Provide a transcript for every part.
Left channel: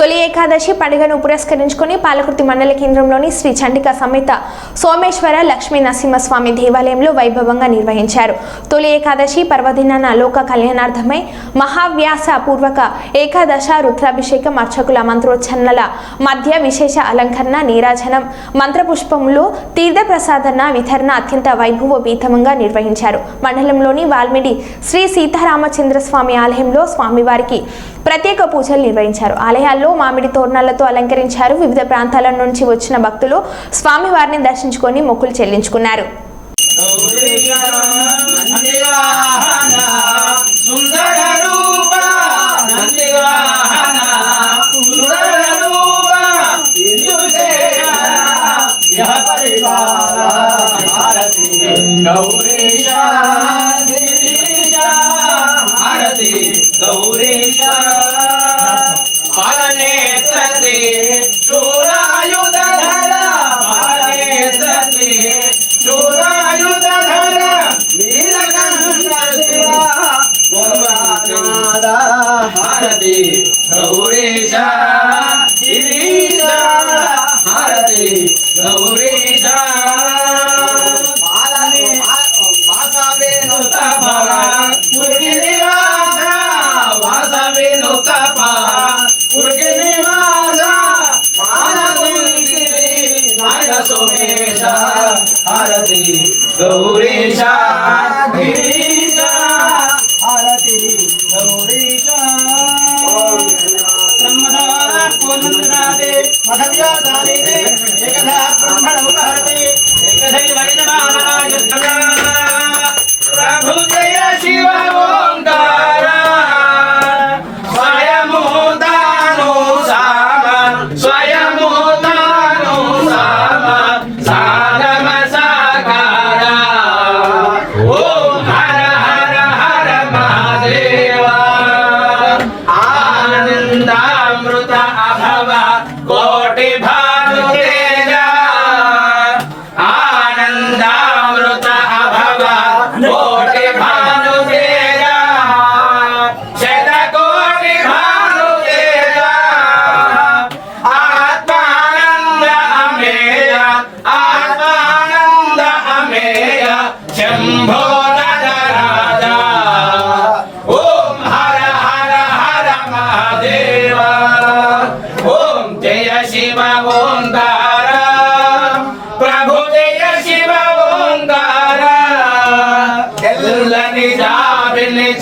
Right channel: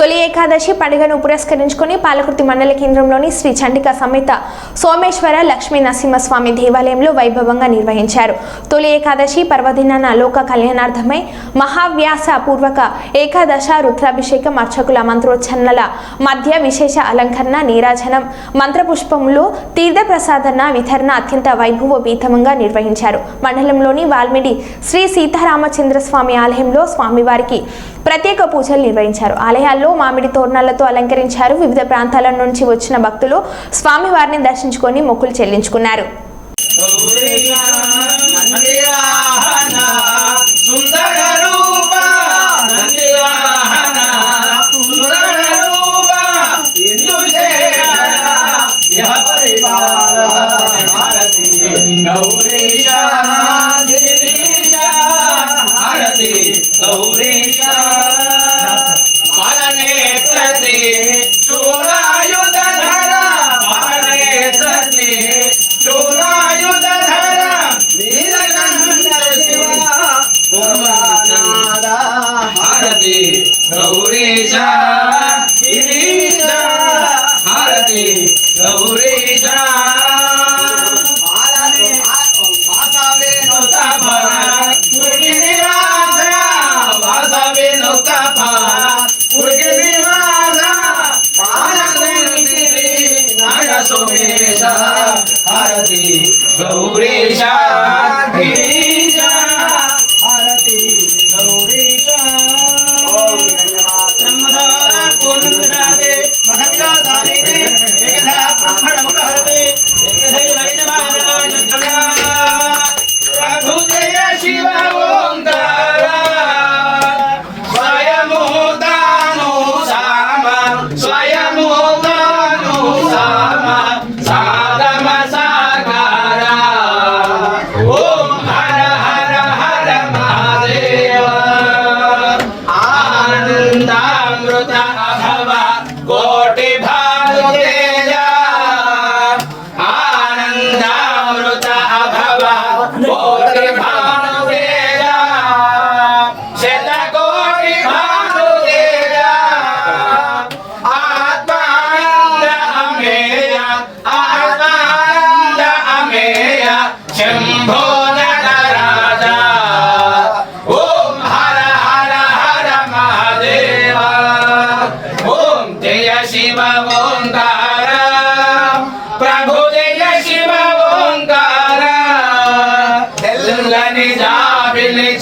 తొలి ఏకాదశి పండుగను పురస్కరించుకొని పాలకుర్తి మండల కేంద్రంలోని శ్రీ చండికా సమేత సోమేశ్వర లక్ష్మీ నరసింహస్వామి దేవాలయంలో వైభవంగా నిర్వహించారు. తొలి ఏకాదశి పర్వదినాన లోక కళ్యాణార్థమై మహావ్యాస పూర్వక ఏకాదశ రుద్రాభిషేకం అర్చకుల మంత్రోచ్చరణల మధ్య విశేష అలంకరణ, నీరాజనం, మంత్రపుష్పములు, తీర్థప్రసాదన వితరణ అత్యంత వైభవోపేతంగా నిర్వహించారు. మండలంలోని వాల్మీడి శ్రీ సీతారామచంద్ర స్వామి ఆలయంలో స్వామివారికి ప్రత్యేక పూజలు నిర్వహించారు. ఆలయాల్లో మామిడి తోరణాలతో అలంకరించారు. వివిధ ప్రాంతాల నుంచి వచ్చిన భక్తులు స్వామివారిని దర్శించుకొని మొక్కులు చెల్లించుకున్నారు.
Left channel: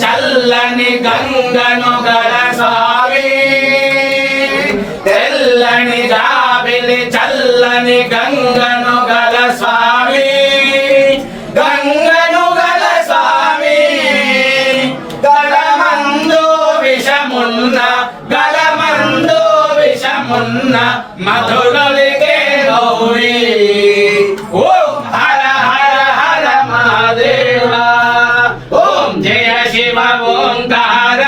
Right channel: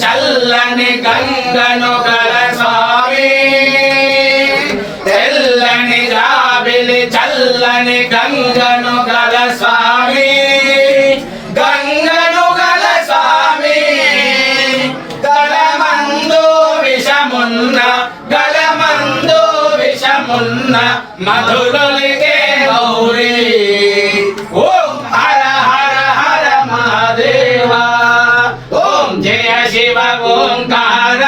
చల్లని గంగను గల స్వామి, తెల్లని జాబిలి చల్లని గంగను గల స్వామి, గంగను గల స్వామి, గలమందు విషమున్న గలమందు విషమున్న మధురలిగే గౌరీ. ఓం హర హర హర మహాదేవా. ఓం జయ శివ ఓంకార,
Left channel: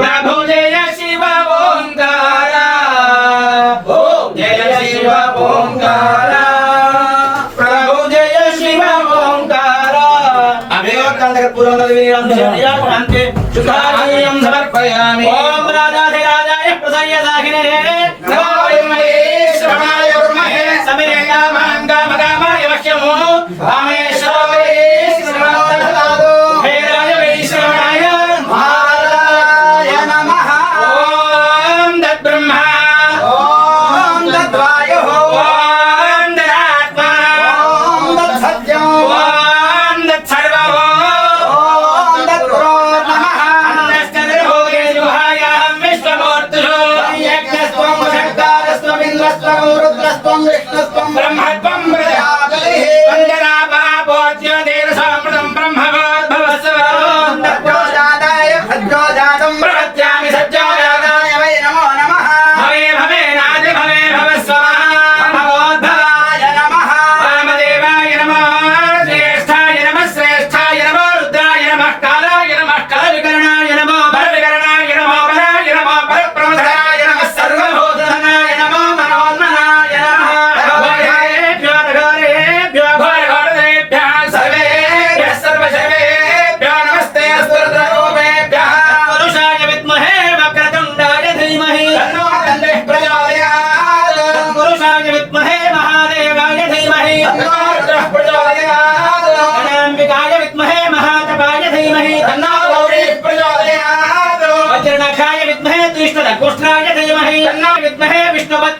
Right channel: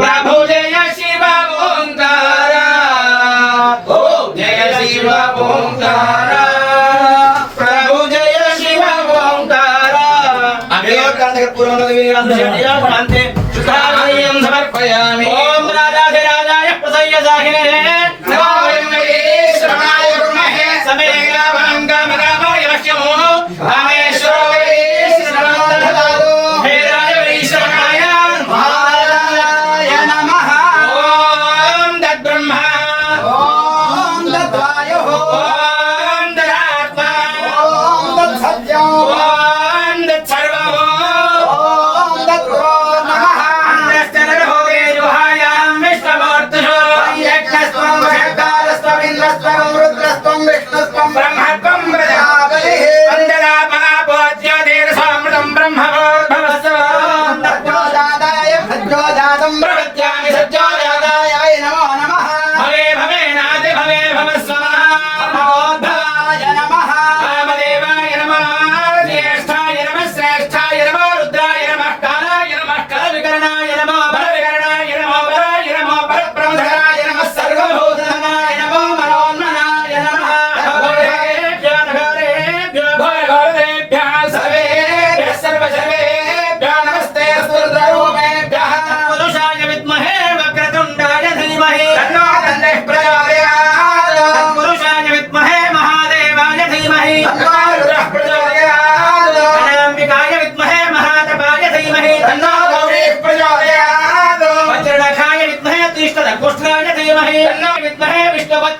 ప్రభు జయ శివ ఓంకార. ఓం జయ శివ ఓంకార, ప్రభు జయ శివ ఓంకార. అంతే శుద్ధాలయం సమర్పయామి. ఓం రాజాధిరాజాయ ప్రసయ్య సాహినే నమామి శ్రవణాయ కుర్మహే సమే కామాంగమ కామాయ వశ్యమో కామేశ్వరాయ శ్రవణాయ భైరవాయ శ్రవణాయ మహారాయ నమః. ఓం తద్బ్రహ్మ ఓం తద్వాయు ఓం తదాత్మా ఓం తత్సత్యం ఓం తత్సర్వం ఓం తత్ప్రోతమః. అంతఃస్థ భోగే జుహాయాం విశ్వమూర్తిషు యజ్ఞస్వం विद्महे महादेवाय धीमहि तन्नो रुद्रः प्रचोदयात् गणाम्बिकाय विद्महे महातपाय धीमहि तन्नो गौरी प्रचोदयात् वज्रनखाय विद्महे तीक्ष्णदंष्ट्राय धीमहि तन्नो विद्महे विष्णुपत्न्यै